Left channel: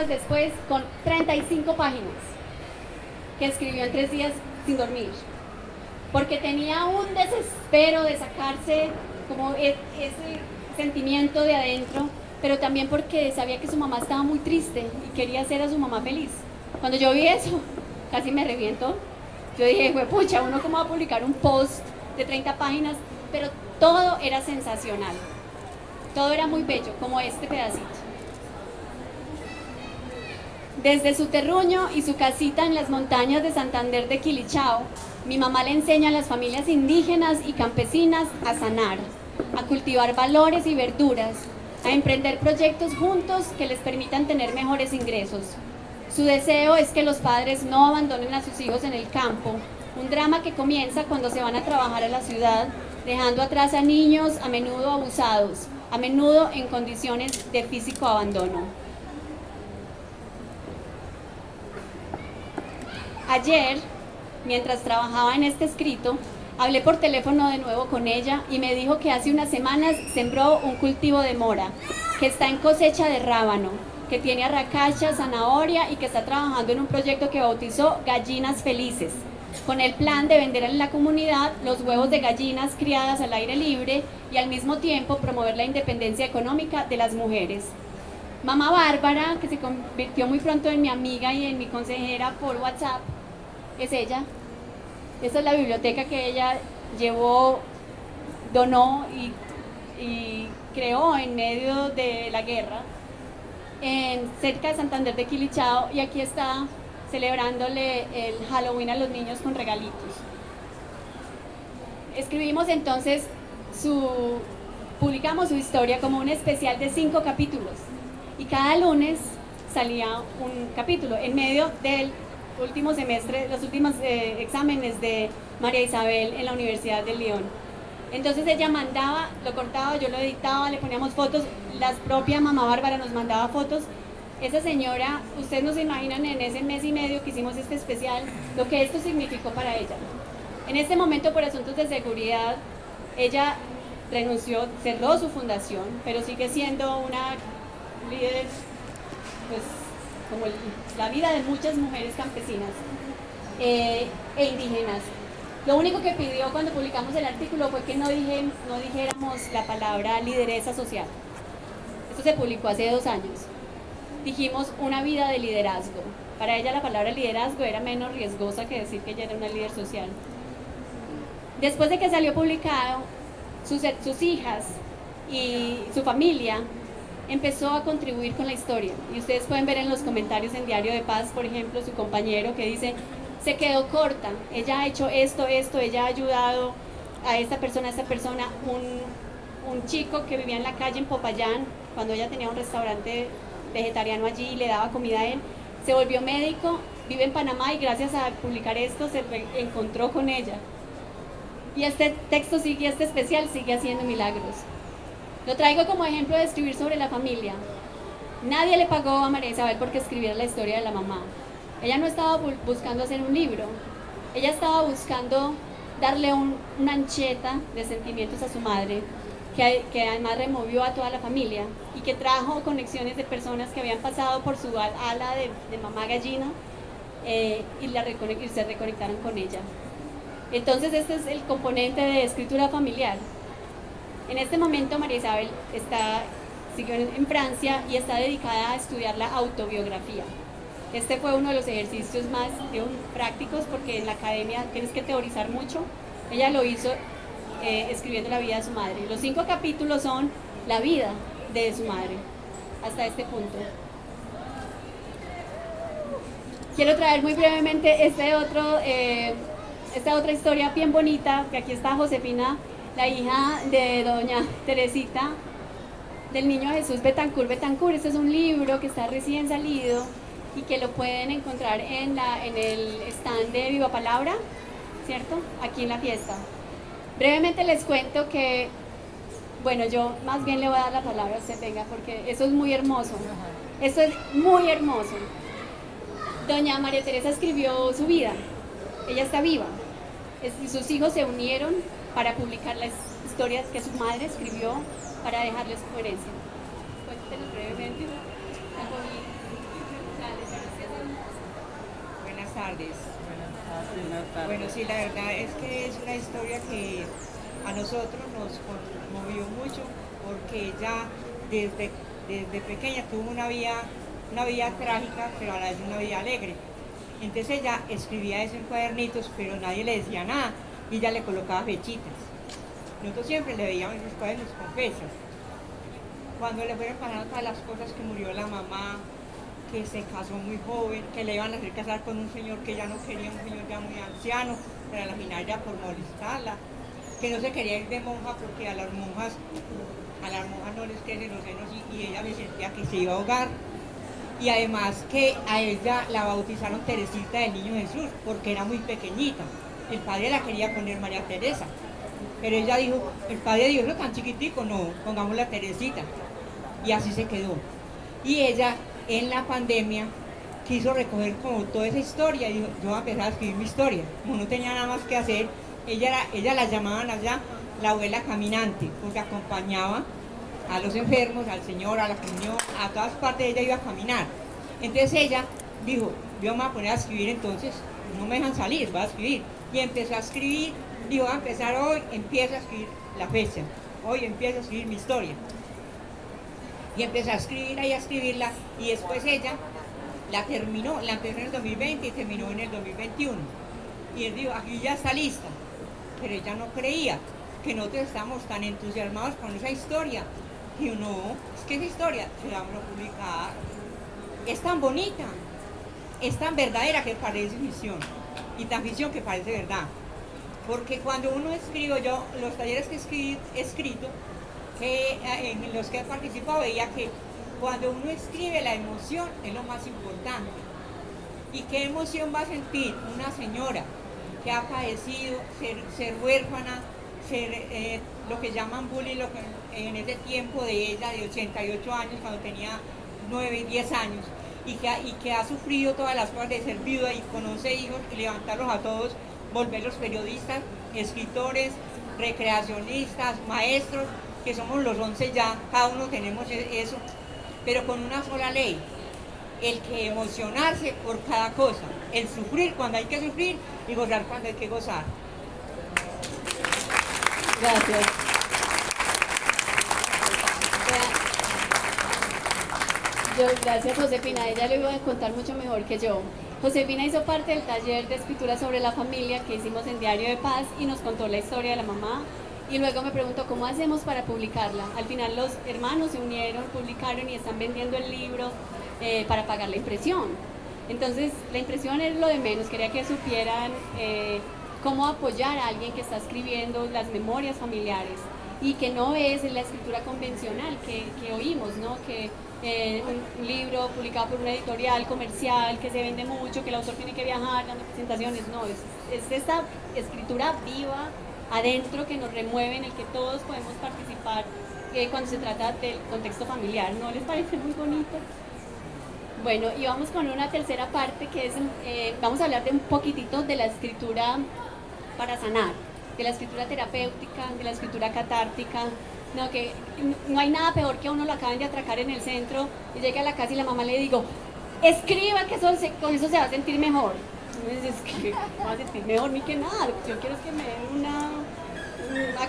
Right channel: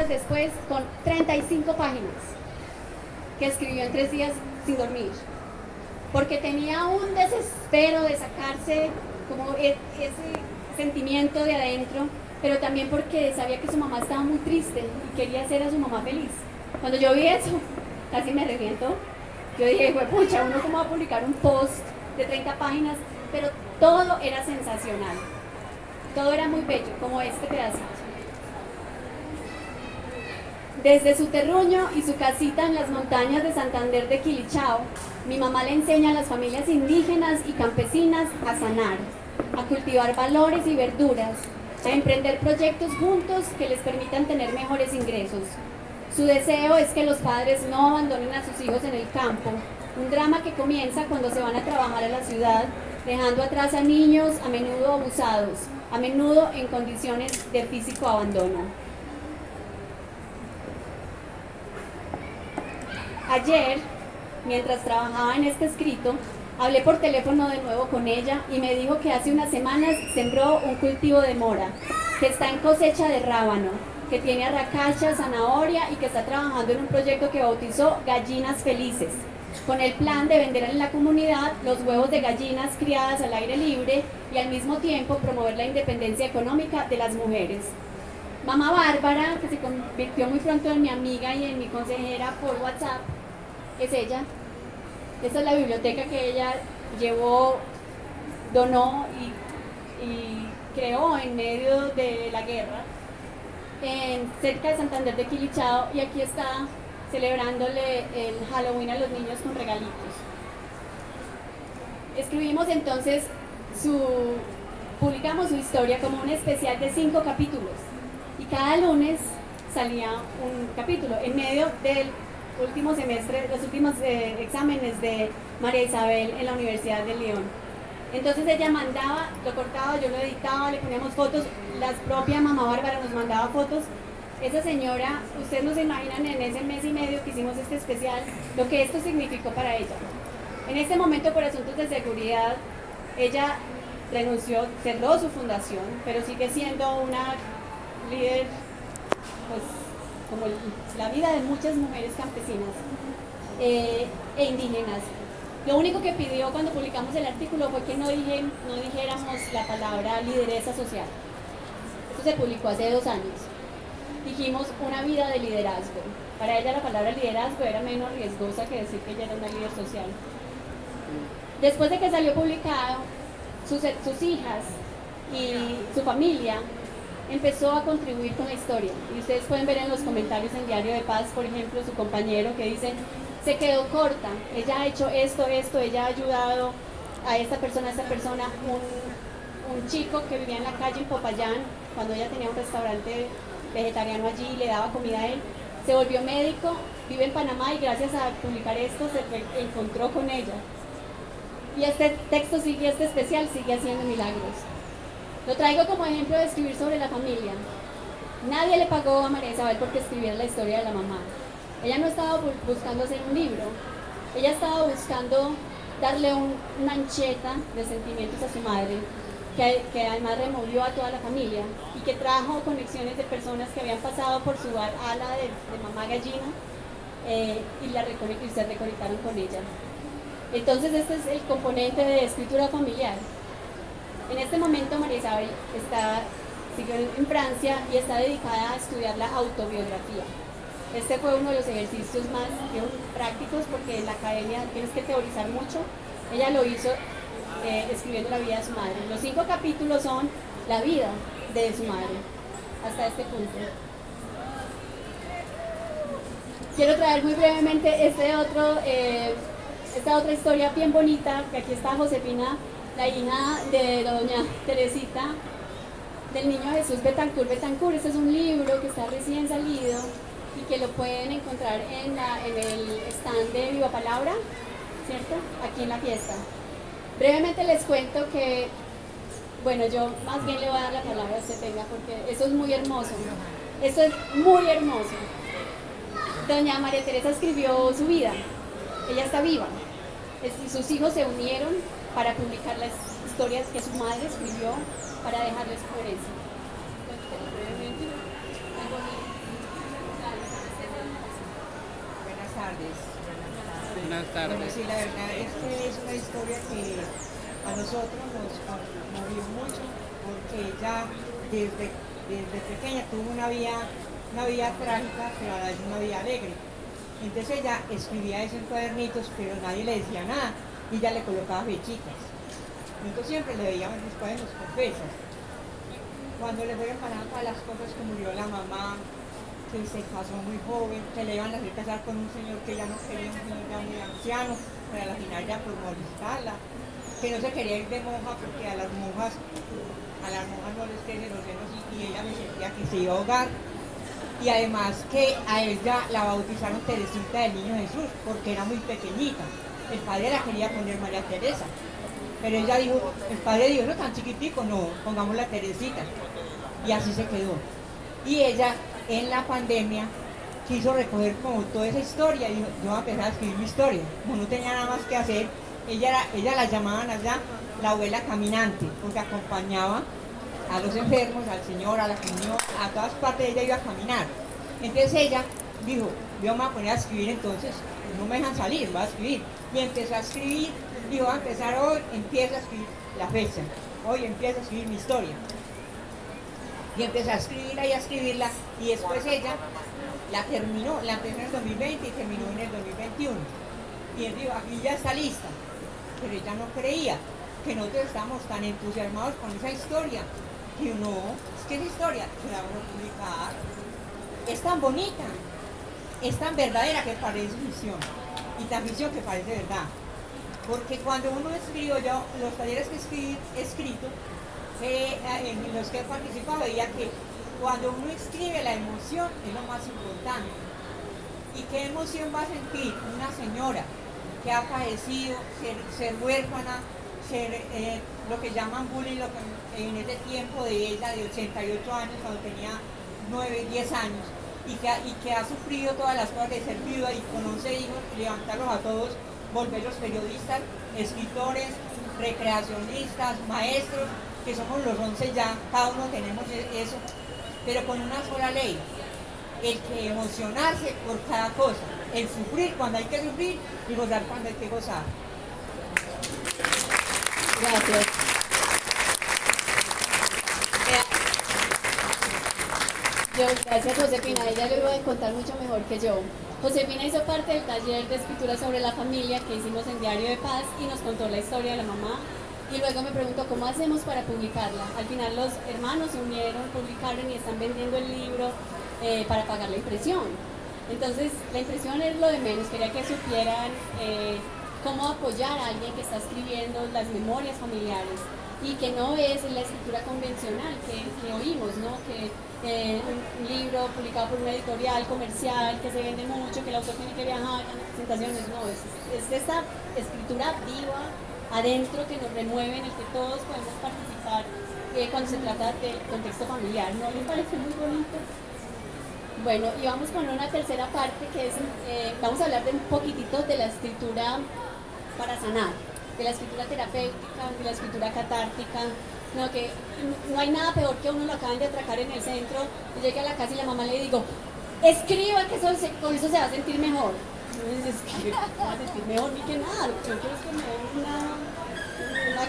días después con 35 páginas que escribió en 3 días sin dormir, porque tenía un desespero de sacarse como ese sentimiento de adentro, pero también porque sabía que su mamá estaba muy triste y quería hacer a su mamá feliz. Cuando yo vi eso, casi me reviento. Yo dije, pucha, uno cómo va a publicar un post de 30 páginas, pero todo era sensacional, todo era muy bello, como este pedacito. Desde su terruño y su casita en las montañas de Santander de Quilichao, mi mamá le enseña a las familias indígenas y campesinas a sanar, a cultivar valores y verduras, a emprender proyectos juntos que les permitan tener mejores ingresos. Su deseo es que los padres no abandonen a sus hijos en el campo, un drama que comienza cuando se van a trabajar a la ciudad, dejando atrás a niños a menudo abusados, a menudo en condiciones de físico abandono. Ayer, mientras trabajaba en este escrito, hablé por teléfono de nuevo con ella y me dijo que hace unas semanas sembró un cultivo de mora, que está en cosecha de rábano, que tiene arracacha, zanahoria y que está trabajando en un proyecto que bautizó Gallinas Felices, con el plan de vender en la comunidad los huevos de gallinas criadas al aire libre y al mismo tiempo promover la independencia económica de las mujeres. Mamá Bárbara, que se convirtió muy pronto en mi amiga y en mi consejera por WhatsApp, es ella. Esta es la biblioteca que ella llevó, donó y creó en medio de la guerra, cerca de Santander de Quilichao, y aquí está celebrándole el Halloween a los niños con regalitos. Escribimos entonces publicamos su historia como un especial de 5 capítulos, y cada lunes salía un capítulo en medio del último semestre, los últimos exámenes de María Isabel en la Universidad de León. Entonces ella mandaba, lo cortaba, yo lo editaba, le poníamos fotos, la propia mamá Bárbara nos mandaba fotos. Esa señora, ustedes no se imaginan en ese mes y medio que hicimos este especial, lo que esto significó para ella. En este momento, por asuntos de seguridad, ella renunció, cerró su fundación, pero sigue siendo una líder, pues, como la vida de muchas mujeres campesinas e indígenas. Lo único que pidió cuando publicamos el artículo fue que no dijéramos la palabra lideresa social. Esto se publicó hace 2 años. Dijimos una vida de liderazgo. Para ella la palabra liderazgo era menos riesgosa que decir que ella era una líder social. Después de que salió publicado, sus hijas y su familia empezó a contribuir con la historia. Y ustedes pueden ver en los comentarios en Diario de Paz, por ejemplo, su compañero que dice: se quedó corta, ella ha hecho esto, ella ha ayudado a esta persona, un chico que vivía en la calle en Popayán, cuando ella tenía un restaurante vegetariano allí y le daba comida a él, se volvió médico, vive en Panamá y gracias a publicar esto se encontró con ella. Y este texto este especial sigue haciendo milagros. Lo traigo como ejemplo de escribir sobre la familia. Nadie le pagó a María Isabel porque escribiera la historia de la mamá. Ella no estaba buscando hacer un libro, ella estaba buscando darle una ancheta de sentimientos a su madre, que además removió a toda la familia y que trajo conexiones de personas que habían pasado por su ala de mamá gallina y se reconectaron con ella. Entonces este es el componente de escritura familiar. En este momento María Isabel sigue en Francia y está dedicada a estudiar la autobiografía. Este fue uno de los ejercicios más prácticos, porque en la academia tienes que teorizar mucho. Ella lo hizo escribiendo la vida de su madre. Los 5 capítulos son la vida de su madre hasta este punto. Quiero traer muy brevemente esta otra historia bien bonita, que aquí está Josefina, la hija de doña Teresita, del niño Jesús Betancourt. Este es un libro que está recién salido y que lo pueden encontrar en el stand de Viva Palabra, ¿cierto? Aquí en la fiesta. Brevemente les cuento que, bueno, yo más bien le voy a dar la palabra a usted, venga, porque eso es muy hermoso. Esto es muy hermoso. Doña María Teresa escribió su vida. Ella está viva. Y sus hijos se unieron para publicar las historias que su madre escribió para dejarles su herencia. Cuéntenos brevemente. tardes. Buenas tardes. Bueno, sí, la verdad es que es una historia que a nosotros nos conmovió mucho porque ella desde pequeña tuvo una vida trágica, pero a la vez una vida alegre. Entonces ella escribía eso en cuadernitos, pero nadie le decía nada y ella le colocaba fechitas. Nosotros siempre le veíamos los cuadernos con fechas. Cuando le fueron pasando todas las cosas, que murió la mamá, que se casó muy joven, que le iban a hacer casar con un señor que ya no quería, un señor ya muy anciano, pero a la final ya por molestarla, que no se quería ir de monja porque a las monjas no les crecen los senos y ella me sentía que se iba a ahogar. Y además que a ella la bautizaron Teresita del Niño Jesús porque era muy pequeñita. El padre la quería poner María Teresa, pero ella dijo, el padre dijo, no, tan chiquitico, no, pongámosla Teresita. Y así se quedó. Y ella en la pandemia quiso recoger como toda esa historia y dijo, yo voy a empezar a escribir mi historia. Como no tenía nada más que hacer, ella la llamaban allá la abuela caminante, porque acompañaba a los enfermos, al Señor, a la comunión, a todas partes ella iba a caminar. Entonces ella dijo, yo me voy a poner a escribir entonces, no me dejan salir, voy a escribir. Y empezó a escribir, dijo, voy a empezar hoy, empiezo a escribir la fecha, hoy empiezo a escribir mi historia. Y empezó a escribirla y a escribirla, y después ella la empezó en el 2020 y terminó en el 2021. Y él dijo, aquí ya está lista. Pero ella no creía que nosotros estábamos tan entusiasmados con esa historia. Y uno, es que esa historia se la van a publicar. Es tan bonita, es tan verdadera que parece ficción. Y tan ficción que parece verdad. Porque cuando uno escribe, yo, los talleres que he escrito, en los que he participado, veía que cuando uno escribe, la emoción es lo más importante. ¿Y qué emoción va a sentir una señora que ha padecido ser huérfana, ser lo que llaman bullying, en ese tiempo de ella, de 88 años, cuando tenía 9, 10 años, y que ha sufrido todas las cosas de ser viuda y con 11 hijos, y levantarlos a todos, volverlos periodistas, escritores, recreacionistas, maestros, que somos los 11 ya, cada uno tenemos eso, pero con una sola ley, el que emocionarse por cada cosa, el sufrir cuando hay que sufrir y gozar cuando hay que gozar. Gracias. Gracias Josefina, ella le voy a contar mucho mejor que yo. Josefina hizo parte del taller de escritura sobre la familia que hicimos en Diario de Paz y nos contó la historia de la mamá y luego me preguntó cómo hacemos para publicarla. Al final los hermanos se unieron, publicaron y están vendiendo el libro para pagar la impresión. Entonces la impresión es lo de menos, quería que supieran cómo apoyar a alguien que está escribiendo las memorias familiares y que no es la escritura convencional que oímos, ¿no? Que un libro publicado por una editorial comercial que se vende mucho, que el autor tiene que viajar a las presentaciones, no, es esta escritura viva adentro que nos remueve, en el que todos podemos participar cuando se trata del contexto familiar. ¿No les parece muy bonito? Bueno, y vamos con una tercera parte que es, vamos a hablar de un poquitito de la escritura para sanar, de la escritura terapéutica, de la escritura catártica. No, que no hay nada peor que a uno lo acaban de atracar en el centro y llega a la casa y la mamá le digo, escriba que con eso se va a sentir mejor. Entonces, escribe, no va a sentir mejor ni que nada, yo quiero que me den una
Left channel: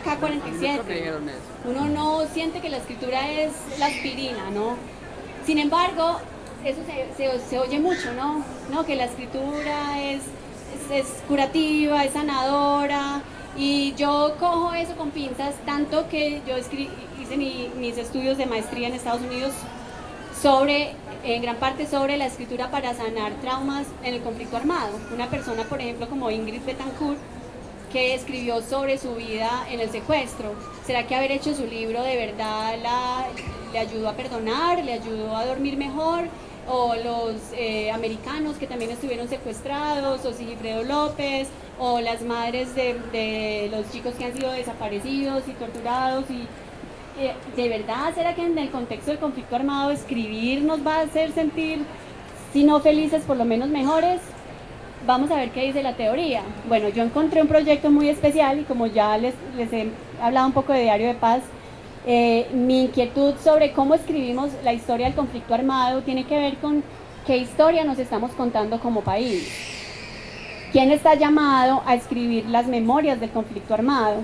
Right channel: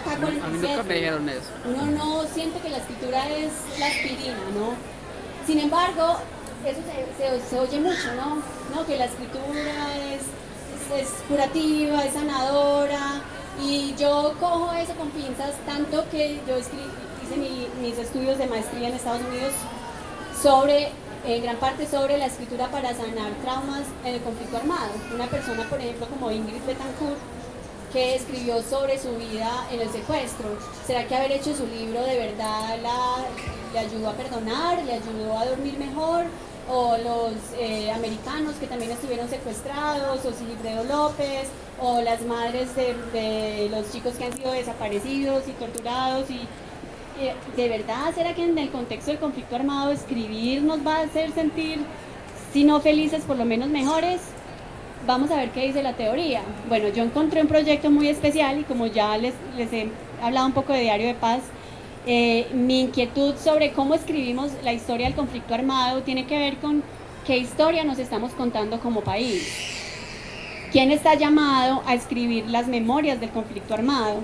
K-47. Uno no siente que la escritura es la aspirina, ¿no? Sin embargo, eso se oye mucho, ¿no? Que la escritura es curativa, es sanadora. Y yo cojo eso con pinzas, tanto que yo hice mis estudios de maestría en Estados Unidos en gran parte sobre la escritura para sanar traumas en el conflicto armado. Una persona, por ejemplo, como Ingrid Betancourt, que escribió sobre su vida en el secuestro. ¿Será que haber hecho su libro de verdad le ayudó a perdonar, le ayudó a dormir mejor? O los americanos que también estuvieron secuestrados, o Sigifredo López, o las madres de los chicos que han sido desaparecidos y torturados. Y ¿de verdad será que en el contexto del conflicto armado escribir nos va a hacer sentir, si no felices, por lo menos mejores? Vamos a ver qué dice la teoría. Bueno, yo encontré un proyecto muy especial y como ya les he hablado un poco de Diario de Paz, mi inquietud sobre cómo escribimos la historia del conflicto armado tiene que ver con qué historia nos estamos contando como país. ¿Quién está llamado a escribir las memorias del conflicto armado?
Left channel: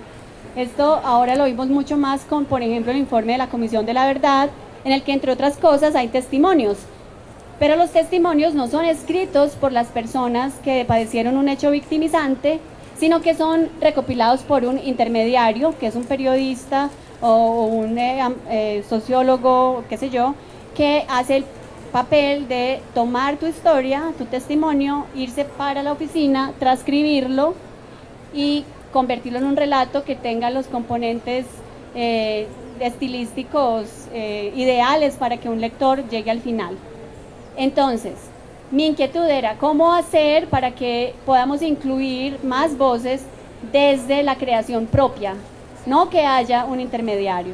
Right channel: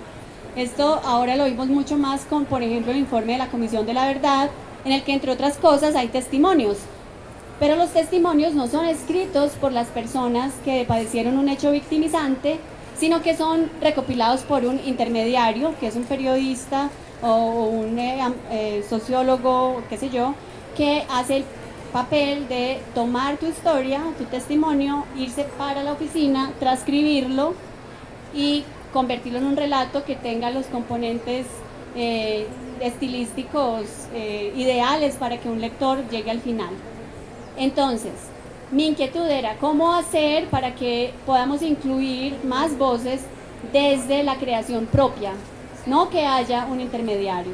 Esto ahora lo vimos mucho más con, por ejemplo, el informe de la Comisión de la Verdad, en el que, entre otras cosas, hay testimonios. Pero los testimonios no son escritos por las personas que padecieron un hecho victimizante, sino que son recopilados por un intermediario, que es un periodista o un sociólogo, qué sé yo, que hace el papel de tomar tu historia, tu testimonio, irse para la oficina, transcribirlo y convertirlo en un relato que tenga los componentes estilísticos ideales para que un lector llegue al final. Entonces, mi inquietud era cómo hacer para que podamos incluir más voces desde la creación propia, no que haya un intermediario.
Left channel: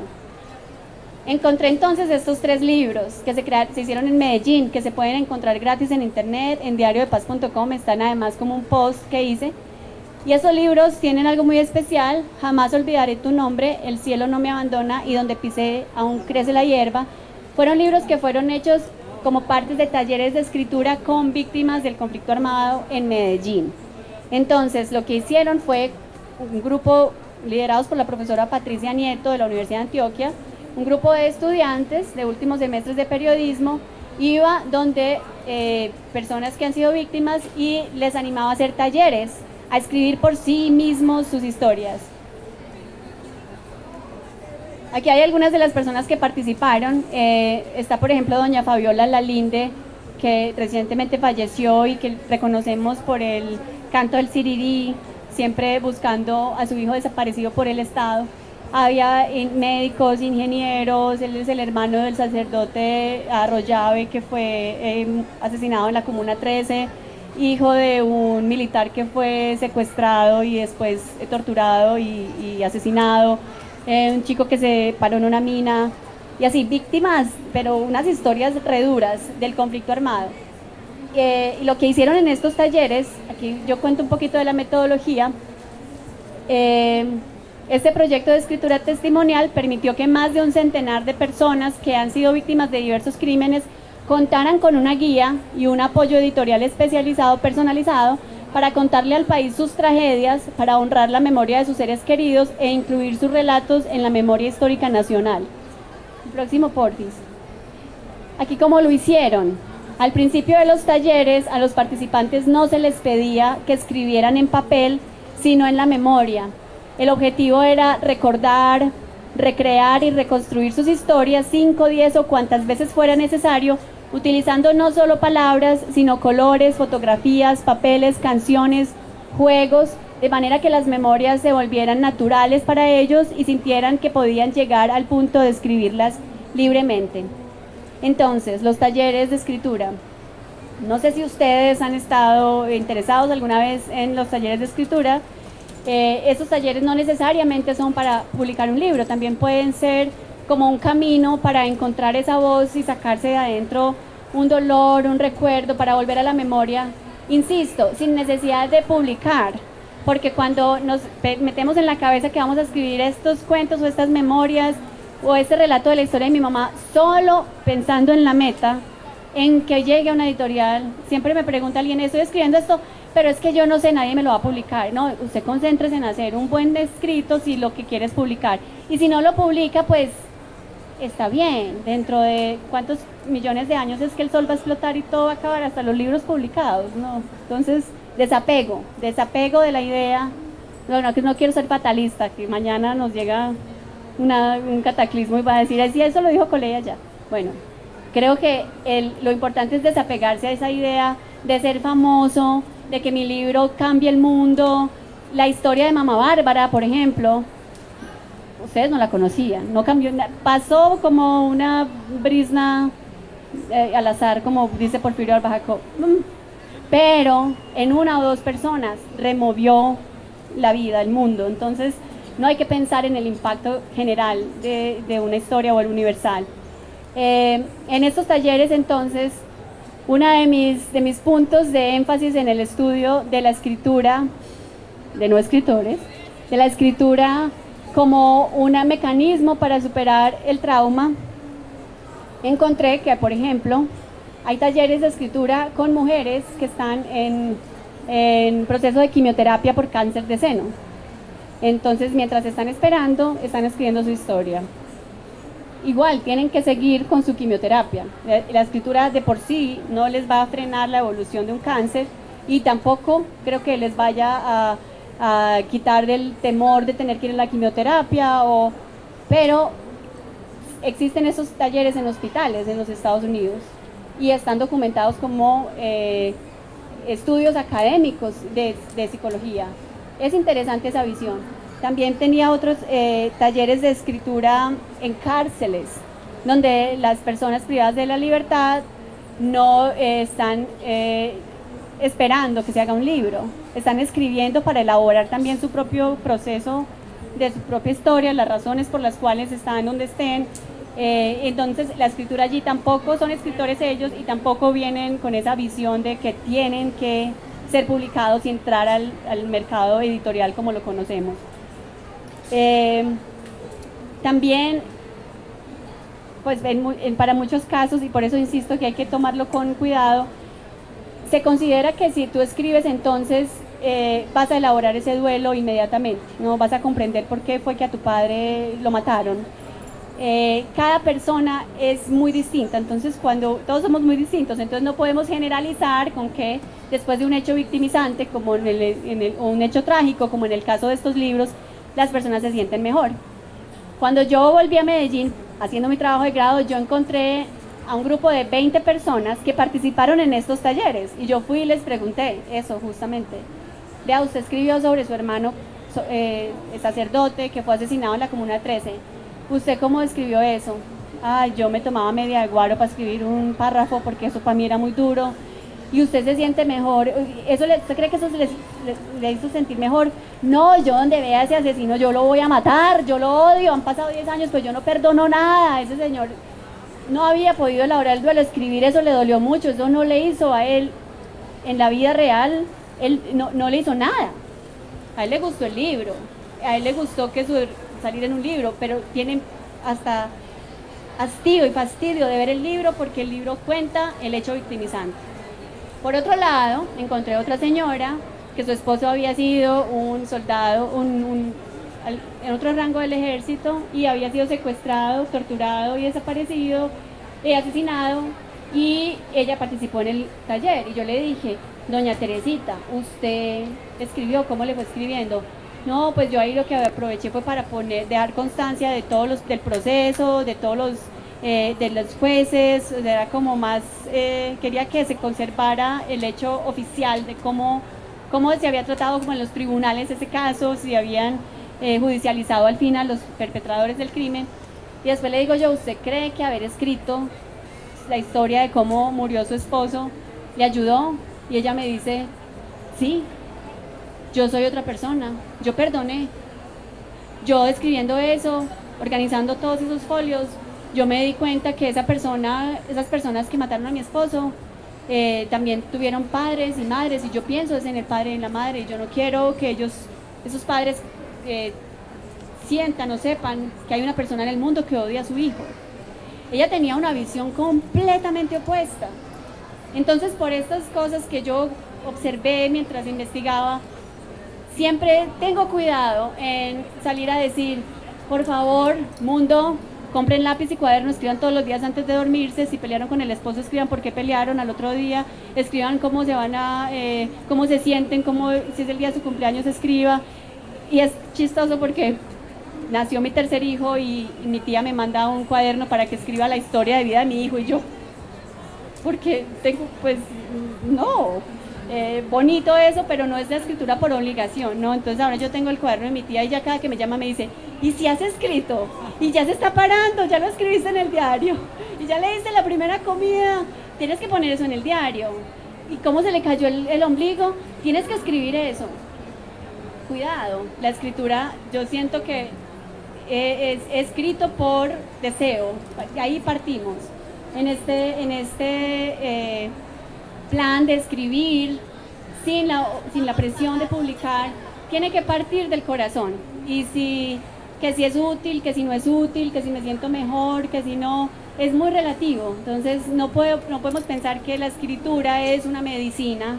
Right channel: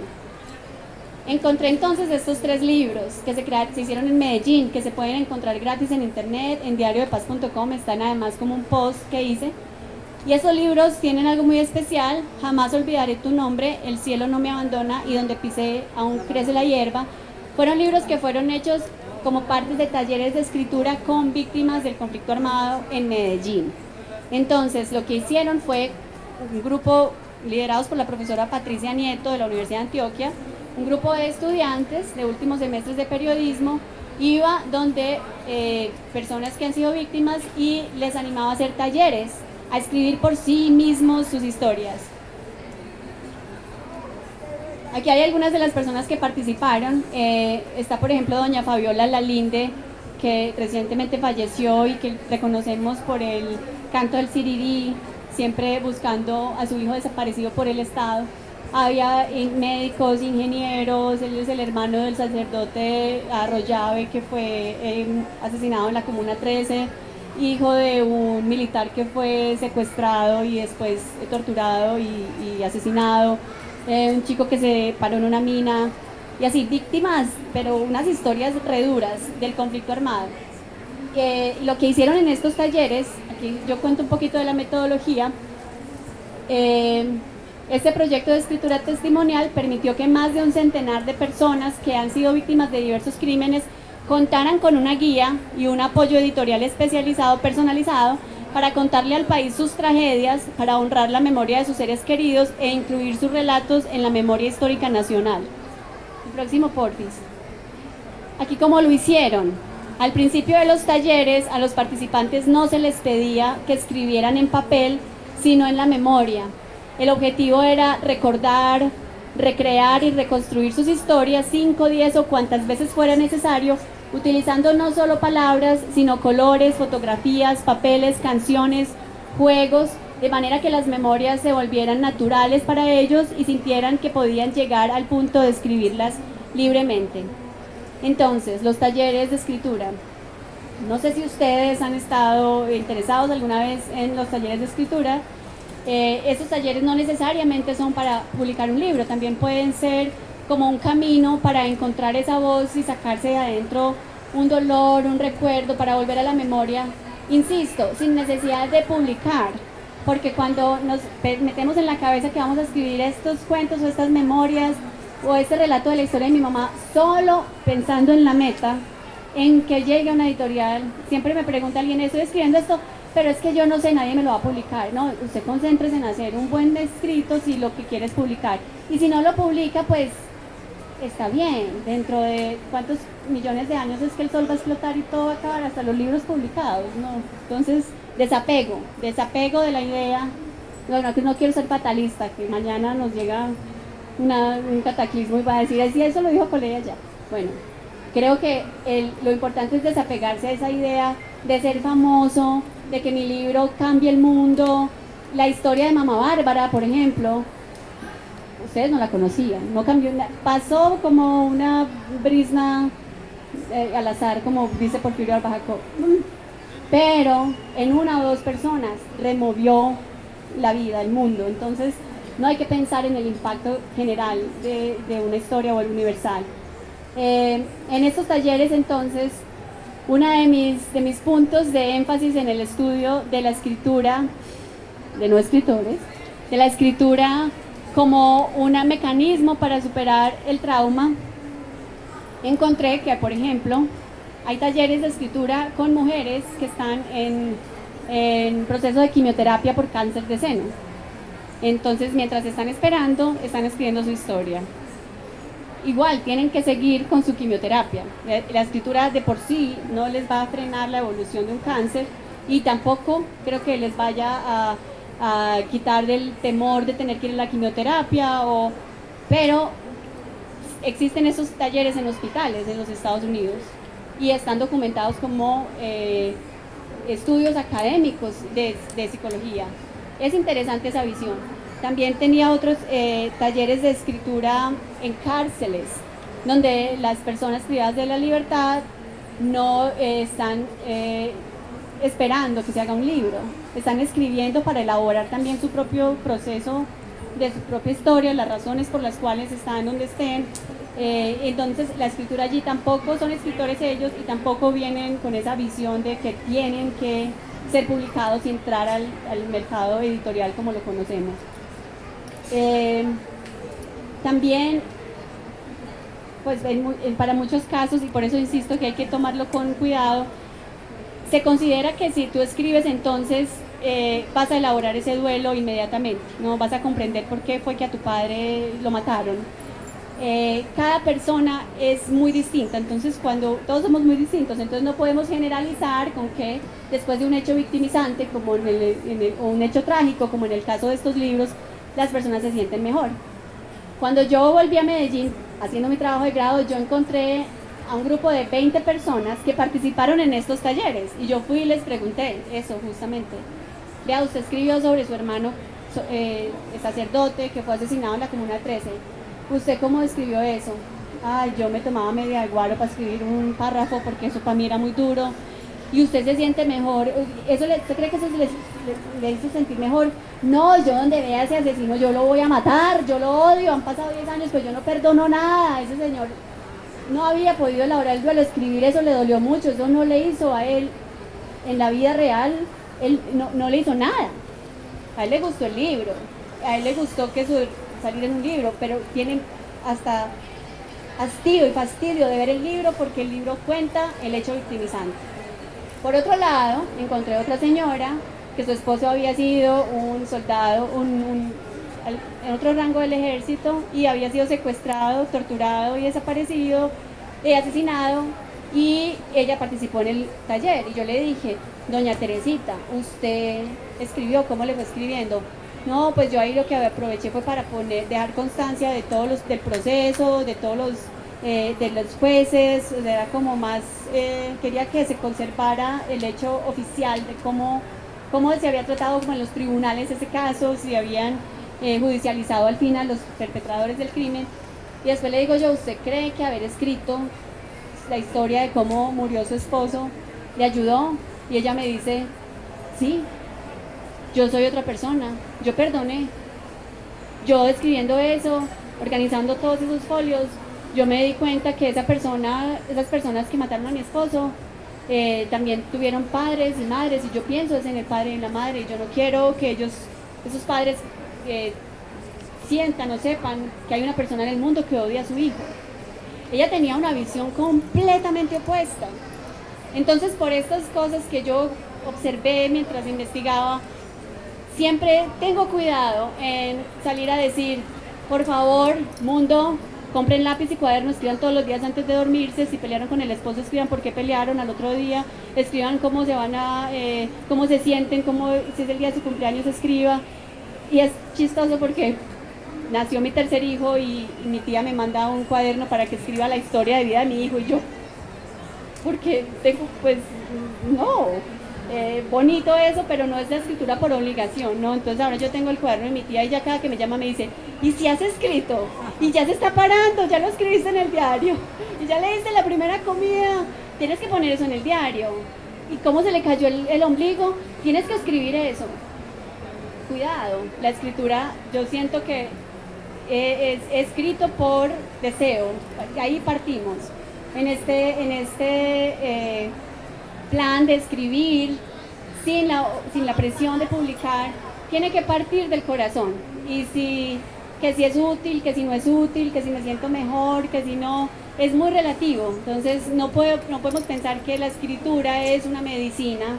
Encontré entonces estos 3 libros que se hicieron en Medellín, que se pueden encontrar gratis en internet, en diariodepaz.com, están además como un post que hice. Y esos libros tienen algo muy especial: Jamás olvidaré tu nombre, El cielo no me abandona y Donde pisé aún crece la hierba. Fueron libros que fueron hechos como partes de talleres de escritura con víctimas del conflicto armado en Medellín. Entonces, lo que hicieron fue un grupo liderados por la profesora Patricia Nieto de la Universidad de Antioquia, un grupo de estudiantes de últimos semestres de periodismo, iba donde personas que han sido víctimas y les animaba a hacer talleres, a escribir por sí mismos sus historias. Aquí hay algunas de las personas que participaron. Está, por ejemplo, doña Fabiola Lalinde, que recientemente falleció y que reconocemos por el canto del Sirirí, siempre buscando a su hijo desaparecido por el Estado. Había médicos, ingenieros, él es el hermano del sacerdote Arroyave, que fue asesinado en la Comuna 13, hijo de un militar que fue secuestrado y después torturado y asesinado, un chico que se paró en una mina, y así, víctimas, pero unas historias re duras del conflicto armado. Lo que hicieron en estos talleres, aquí yo cuento un poquito de la metodología. Este proyecto de escritura testimonial permitió que más de un centenar de personas que han sido víctimas de diversos crímenes contaran con una guía y un apoyo editorial especializado, personalizado, para contarle al país sus tragedias, para honrar la memoria de sus seres queridos e incluir sus relatos en la memoria histórica nacional. El próximo, porfis. Aquí cómo lo hicieron. Al principio de los talleres, a los participantes no se les pedía que escribieran en papel, sino en la memoria. El objetivo era recordar, recrear y reconstruir sus historias 5, 10 o cuantas veces fuera necesario, utilizando no solo palabras, sino colores, fotografías, papeles, canciones, juegos, de manera que las memorias se volvieran naturales para ellos y sintieran que podían llegar al punto de escribirlas libremente. Entonces, los talleres de escritura. No sé si ustedes han estado interesados alguna vez en los talleres de escritura. Estos talleres no necesariamente son para publicar un libro, también pueden ser como un camino para encontrar esa voz y sacarse de adentro un dolor, un recuerdo, para volver a la memoria, insisto, sin necesidad de publicar, porque cuando nos metemos en la cabeza que vamos a escribir estos cuentos o estas memorias o este relato de la historia de mi mamá, solo pensando en la meta, en que llegue a una editorial, siempre me pregunta alguien, estoy escribiendo esto, pero es que yo no sé, nadie me lo va a publicar. No, usted concéntrese en hacer un buen escrito si lo que quiere es publicar. Y si no lo publica, pues está bien. Dentro de cuántos millones de años es que el sol va a explotar y todo va a acabar, hasta los libros publicados, ¿no? Entonces, desapego de la idea. Bueno, que no quiero ser fatalista, que mañana nos llega un cataclismo y va a decir, así eso lo dijo Coleya ya. Bueno, creo que lo importante es desapegarse a esa idea de ser famoso, de que mi libro cambie el mundo. La historia de Mamá Bárbara, por ejemplo, ustedes no la conocían, no cambió nada, pasó como una brisna al azar, como dice Porfirio Jacob, pero en una o dos personas removió la vida, el mundo. Entonces no hay que pensar en el impacto general de una historia o el universal. En estos talleres, entonces, uno de mis puntos de énfasis en el estudio de la escritura, de no escritores, de la escritura como un mecanismo para superar el trauma, encontré que, por ejemplo, hay talleres de escritura con mujeres que están en en proceso de quimioterapia por cáncer de seno. Entonces, mientras están esperando, están escribiendo su historia. Igual, tienen que seguir con su quimioterapia. La escritura de por sí no les va a frenar la evolución de un cáncer y tampoco creo que les vaya a quitar del temor de tener que ir a la quimioterapia, pero existen esos talleres en hospitales en los Estados Unidos y están documentados como estudios académicos de psicología. Es interesante esa visión. También tenía otros talleres de escritura en cárceles, donde las personas privadas de la libertad no están esperando que se haga un libro, están escribiendo para elaborar también su propio proceso de su propia historia, las razones por las cuales están donde estén. Entonces la escritura allí tampoco son escritores ellos y tampoco vienen con esa visión de que tienen que ser publicados y entrar al mercado editorial como lo conocemos. También pues para muchos casos, y por eso insisto que hay que tomarlo con cuidado, se considera que si tú escribes entonces vas a elaborar ese duelo inmediatamente, no vas a comprender por qué fue que a tu padre lo mataron. Cada persona es muy distinta, entonces cuando todos somos muy distintos, entonces no podemos generalizar con que después de un hecho victimizante como o un hecho trágico como en el caso de estos libros, las personas se sienten mejor. Cuando yo volví a Medellín haciendo mi trabajo de grado, yo encontré a un grupo de 20 personas que participaron en estos talleres y yo fui y les pregunté eso justamente. Vea, usted escribió sobre su hermano sacerdote que fue asesinado en la Comuna 13. ¿Usted cómo describió eso? Ay, yo me tomaba media de guaro para escribir un párrafo porque eso para mí era muy duro. Y usted se siente mejor. ¿Usted cree que eso le hizo sentir mejor? No, yo donde vea a ese asesino yo lo voy a matar, yo lo odio, han pasado 10 años, pues yo no perdono nada. Ese señor no había podido elaborar el duelo, escribir eso le dolió mucho, eso no le hizo a él en la vida real, él no le hizo nada. A él le gustó el libro, a él le gustó salir en un libro, pero tienen hasta hastío y fastidio de ver el libro porque el libro cuenta el hecho victimizante. Por otro lado, encontré otra señora que su esposo había sido un soldado en otro rango del ejército y había sido secuestrado, torturado y desaparecido, asesinado, y ella participó en el taller y yo le dije, doña Teresita, ¿usted escribió? ¿Cómo le fue escribiendo? No, pues yo ahí lo que aproveché fue para dejar constancia de del proceso, de los jueces, era como más, quería que se conservara el hecho oficial de cómo se había tratado como en los tribunales ese caso, si habían judicializado al fin a los perpetradores del crimen. Y después le digo yo, ¿usted cree que haber escrito la historia de cómo murió su esposo le ayudó? Y ella me dice, sí, yo soy otra persona, yo perdoné. Yo escribiendo eso, organizando todos esos folios, yo me di cuenta que esas personas que mataron a mi esposo, también tuvieron padres y madres, y yo pienso es en el padre y en la madre, y yo no quiero que esos padres sientan o sepan que hay una persona en el mundo que odia a su hijo. Ella tenía una visión completamente opuesta. Entonces, por estas cosas que yo observé mientras investigaba, siempre tengo cuidado en salir a decir, por favor, mundo, compren lápiz y cuaderno, escriban todos los días antes de dormirse, si pelearon con el esposo, escriban por qué pelearon al otro día, escriban cómo cómo se sienten, si es el día de su cumpleaños, escriba. Y es chistoso porque nació mi tercer hijo y mi tía me manda un cuaderno para que escriba la historia de vida de mi hijo, y yo, porque tengo, pues, no, bonito eso, pero no es la escritura por obligación, ¿no? Entonces ahora yo tengo el cuaderno de mi tía y ya cada que me llama me dice, ¿y si has escrito? Y ya se está parando, ya lo escribiste en el diario, y ya le diste la primera comida, tienes que poner eso en el diario. ¿Y cómo se le cayó el ombligo? Tienes que escribir eso. Cuidado, la escritura, yo siento que es escrito por deseo, ahí partimos. En este plan de escribir sin la presión de publicar, tiene que partir del corazón. Y que si es útil, que si no es útil, que si me siento mejor, que si no, es muy relativo. Entonces no podemos pensar que la escritura es una medicina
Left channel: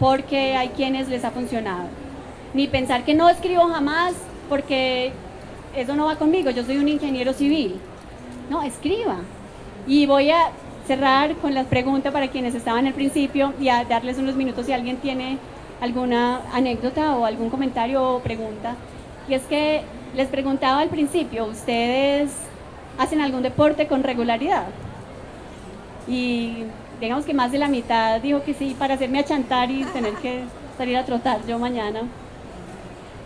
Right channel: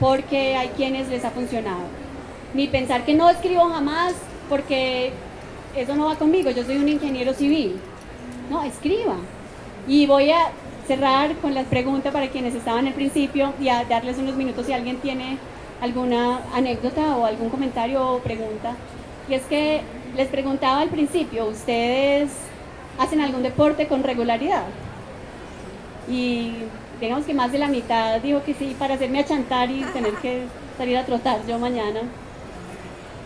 porque hay quienes les ha funcionado. Ni pensar que no escribo jamás porque eso no va conmigo, yo soy un ingeniero civil. No, escriba. Y voy a cerrar con las preguntas para quienes estaban al principio y a darles unos minutos si alguien tiene alguna anécdota o algún comentario o pregunta. Y es que les preguntaba al principio, ¿ustedes hacen algún deporte con regularidad? Y digamos que más de la mitad dijo que sí, para hacerme achantar y tener que salir a trotar yo mañana.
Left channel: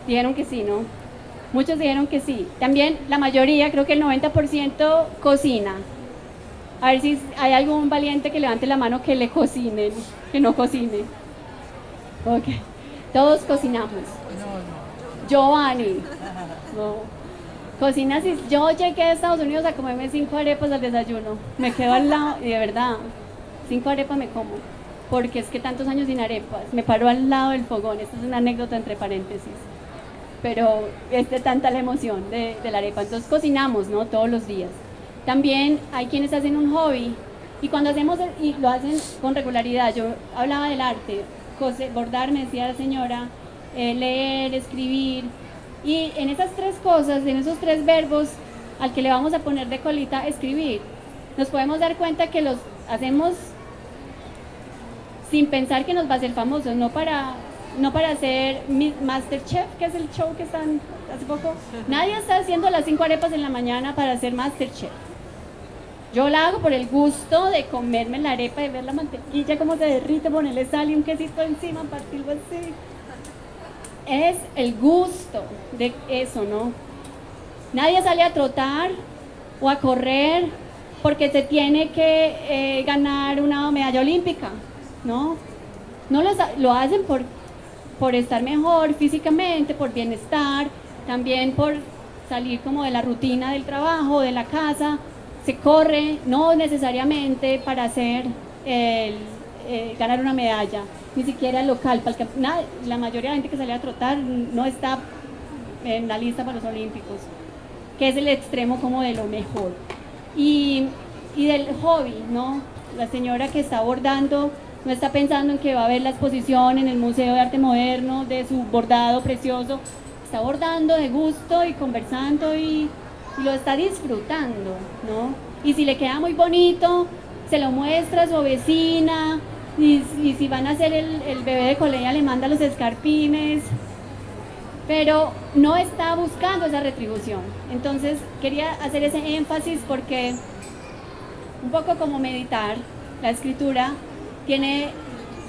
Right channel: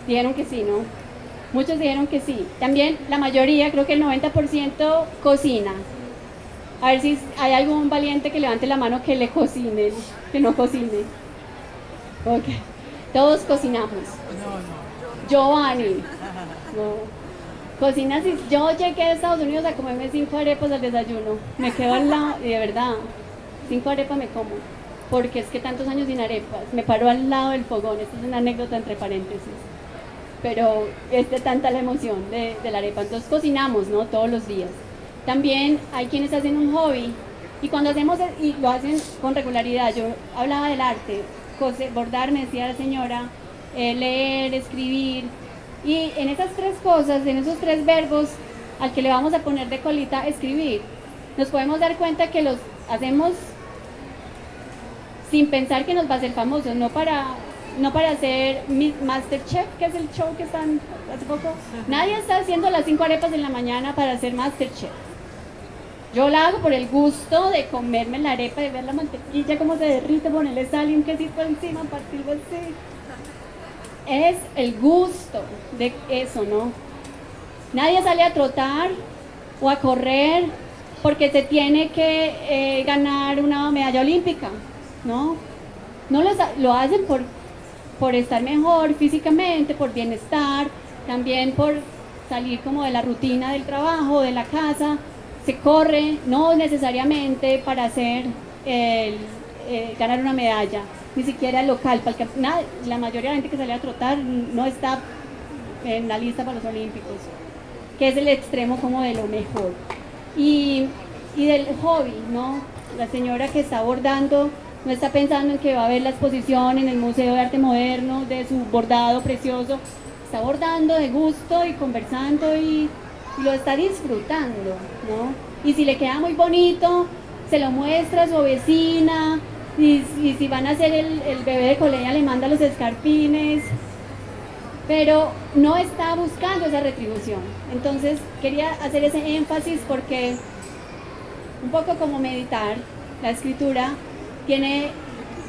Dijeron que sí, ¿no? Muchos dijeron que sí. También la mayoría, creo que el 90% cocina. A ver si hay algún valiente que levante la mano que le cocine, que no cocine. Ok. Todos cocinamos. Giovanni. No. Cocina, si yo llegué a Estados Unidos a comerme 5 arepas al desayuno. Me quedo al lado, y de verdad, 5 arepas me como. Porque es que tantos años sin arepas. Me paro al lado del fogón. Esta es una anécdota entre paréntesis. Pero es de tanta la emoción de la arepa. Entonces cocinamos, ¿no? Todos los días. También hay quienes hacen un hobby. Y cuando hacemos, y lo hacen con regularidad, yo hablaba del arte, bordar, me decía la señora, leer, escribir. Y en esas 3 cosas, en esos 3 verbos, al que le vamos a poner de colita, escribir, nos podemos dar cuenta que los hacemos sin pensar que nos va a hacer famosos, no para hacer Masterchef, que es el show que están hace poco. Nadie está haciendo las 5 arepas en la mañana para hacer Masterchef. Yo la hago por el gusto de comerme la arepa, de ver la mantequilla cómo se derrite, ponerle sal y un quesito encima, partirlo así. Es el gusto de eso, ¿no? Nadie sale a trotar o a correr porque se tiene que ganar una medalla olímpica, ¿no? No lo hacen por estar mejor físicamente, por bienestar, también por salir como de la rutina del trabajo, de la casa. Se corre, no necesariamente para hacer ganar una medalla, ni siquiera local, porque la mayoría de la gente que sale a trotar no está en la lista para los olímpicos, que es el extremo como de lo mejor. Y del hobby, ¿no? La señora que está bordando no está pensando en que va a ver la exposición en el Museo de Arte Moderno de su bordado precioso, está bordando de gusto y conversando y lo está disfrutando, ¿no? Y si le queda muy bonito, se lo muestra a su vecina, y si van a hacer el bebé de colegio le manda los escarpines, pero no está buscando esa retribución. Entonces quería hacer ese énfasis porque un poco como meditar, la escritura tiene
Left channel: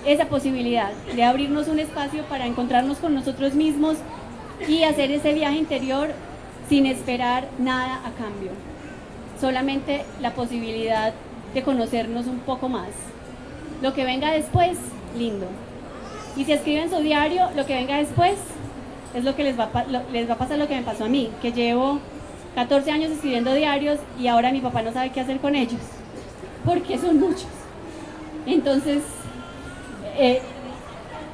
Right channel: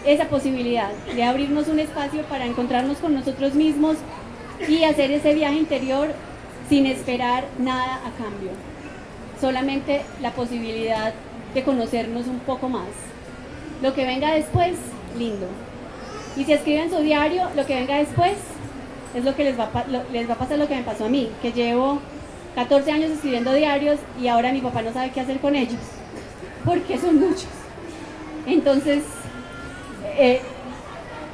esa posibilidad de abrirnos un espacio para encontrarnos con nosotros mismos y hacer ese viaje interior sin esperar nada a cambio, solamente la posibilidad de conocernos un poco más. Lo que venga después, lindo. Y si escriben su diario, lo que venga después es lo que les va a pasar lo que me pasó a mí, que llevo 14 años escribiendo diarios y ahora mi papá no sabe qué hacer con ellos, porque son muchos. Entonces,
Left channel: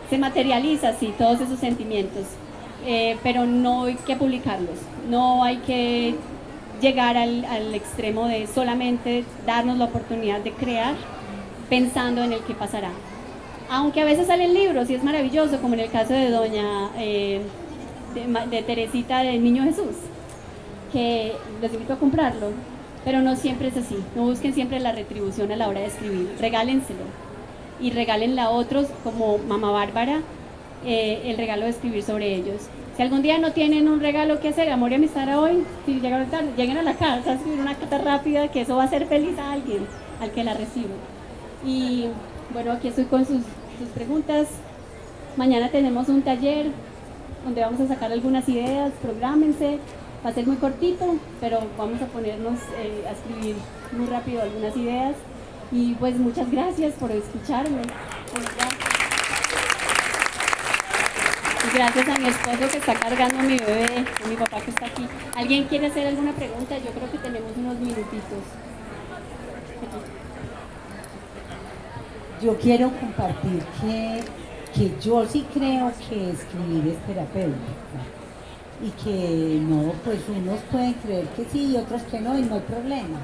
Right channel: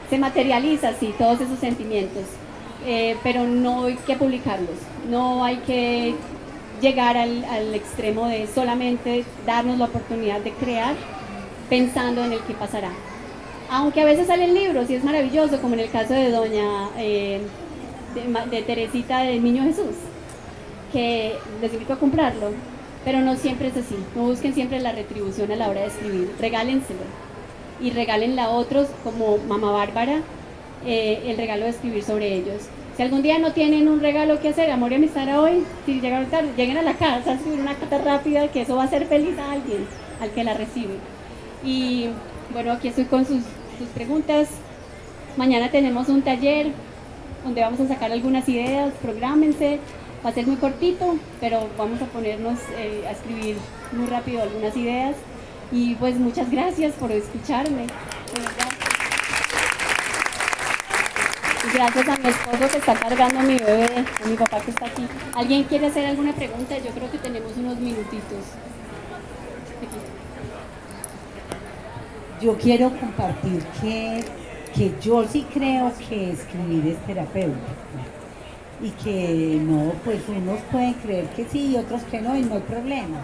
se materializa así todos esos sentimientos. Pero no hay que publicarlos, no hay que llegar al extremo de solamente darnos la oportunidad de crear pensando en el que pasará. Aunque a veces salen libros y es maravilloso, como en el caso de de Teresita del Niño Jesús, que les invito a comprarlo, pero no siempre es así. No busquen siempre la retribución a la hora de escribir, regálenselo y regálenla a otros, como Mamá Bárbara, el regalo de escribir sobre ellos. Si algún día no tienen un regalo que hacer, amor y amistad hoy, si llegan tarde, lleguen a la casa, escribir una carta rápida, que eso va a hacer feliz a alguien, al que la recibe. Y bueno, aquí estoy con sus preguntas. Mañana tenemos un taller donde vamos a sacar algunas ideas, prográmense, va a ser muy cortito, pero vamos a ponernos a escribir muy rápido algunas ideas. Y pues muchas gracias por escucharme. Gracias a mi esposo que está cargando a mi bebé, a mi papá que está aquí. ¿Alguien quiere hacer alguna pregunta? Yo creo que tenemos unos minutitos. Yo quiero compartir que yo sí creo que escribir es terapéutico y que no, pues unos pueden creer que sí y otros que no, y no hay problema.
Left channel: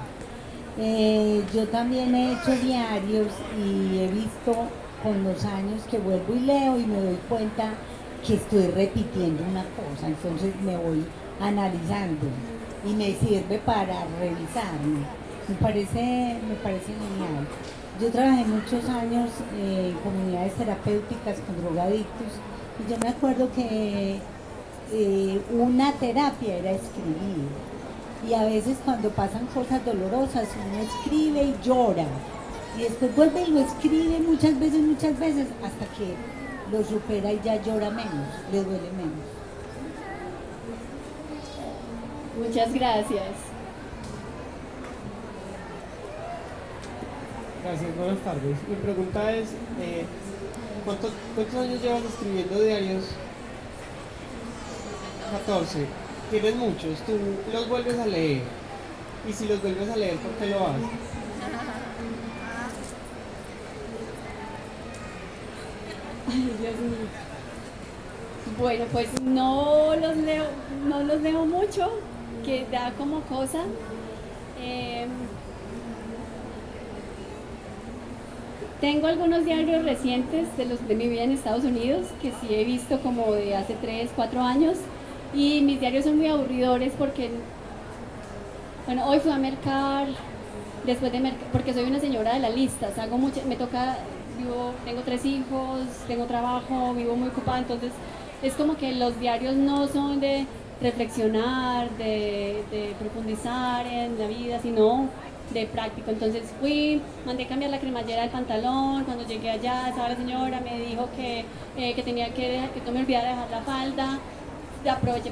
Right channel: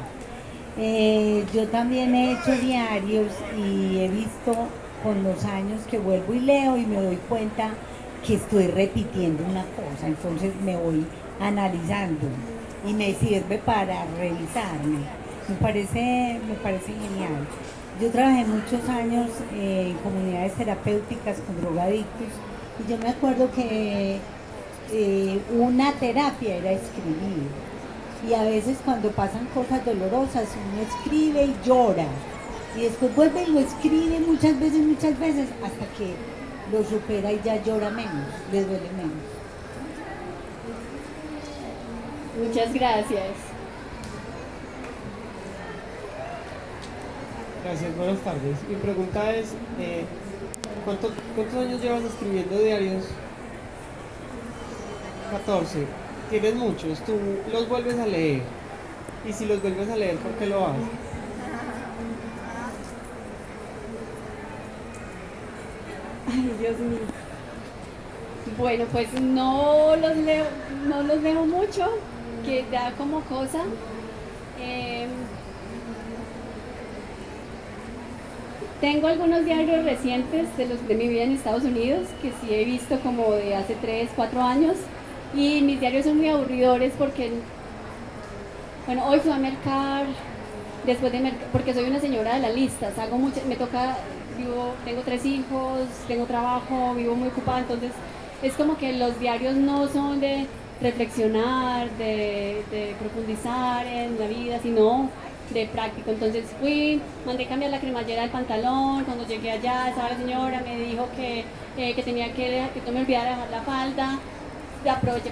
Yo también he hecho diarios y he visto con los años que vuelvo y leo y me doy cuenta que estoy repitiendo una cosa, entonces me voy analizando y me sirve para revisarme. Me parece genial. Yo trabajé muchos años en comunidades terapéuticas con drogadictos y yo me acuerdo que una terapia era escribir. Y a veces cuando pasan cosas dolorosas uno escribe y llora. Y después vuelve y lo escribe muchas veces, hasta que lo supera y ya llora menos, le duele menos. Muchas gracias. Gracias, buenas tardes. Mi pregunta es, ¿cuántos años llevas escribiendo diarios? 14. Tienes muchos, tú los vuelves a leer. Y si los vuelves a leer, ¿por qué lo haces? Ay, Dios mío. Bueno, pues no los leo mucho, que da como cosa. Tengo algunos diarios recientes de mi vida en Estados Unidos, que sí he visto como de hace 3, 4 años, y mis diarios son muy aburridores porque, bueno, hoy fui a mercar, porque soy una señora de la lista, salgo mucho, me toca, tengo 3 hijos, tengo trabajo, vivo muy ocupada, entonces es como que los diarios no son de reflexionar, de profundizar en la vida, sino de práctico. Entonces mandé cambiar la cremallera del pantalón, cuando llegué allá estaba la señora, me dijo que tenía que no me olvidara dejar la falda, aproveché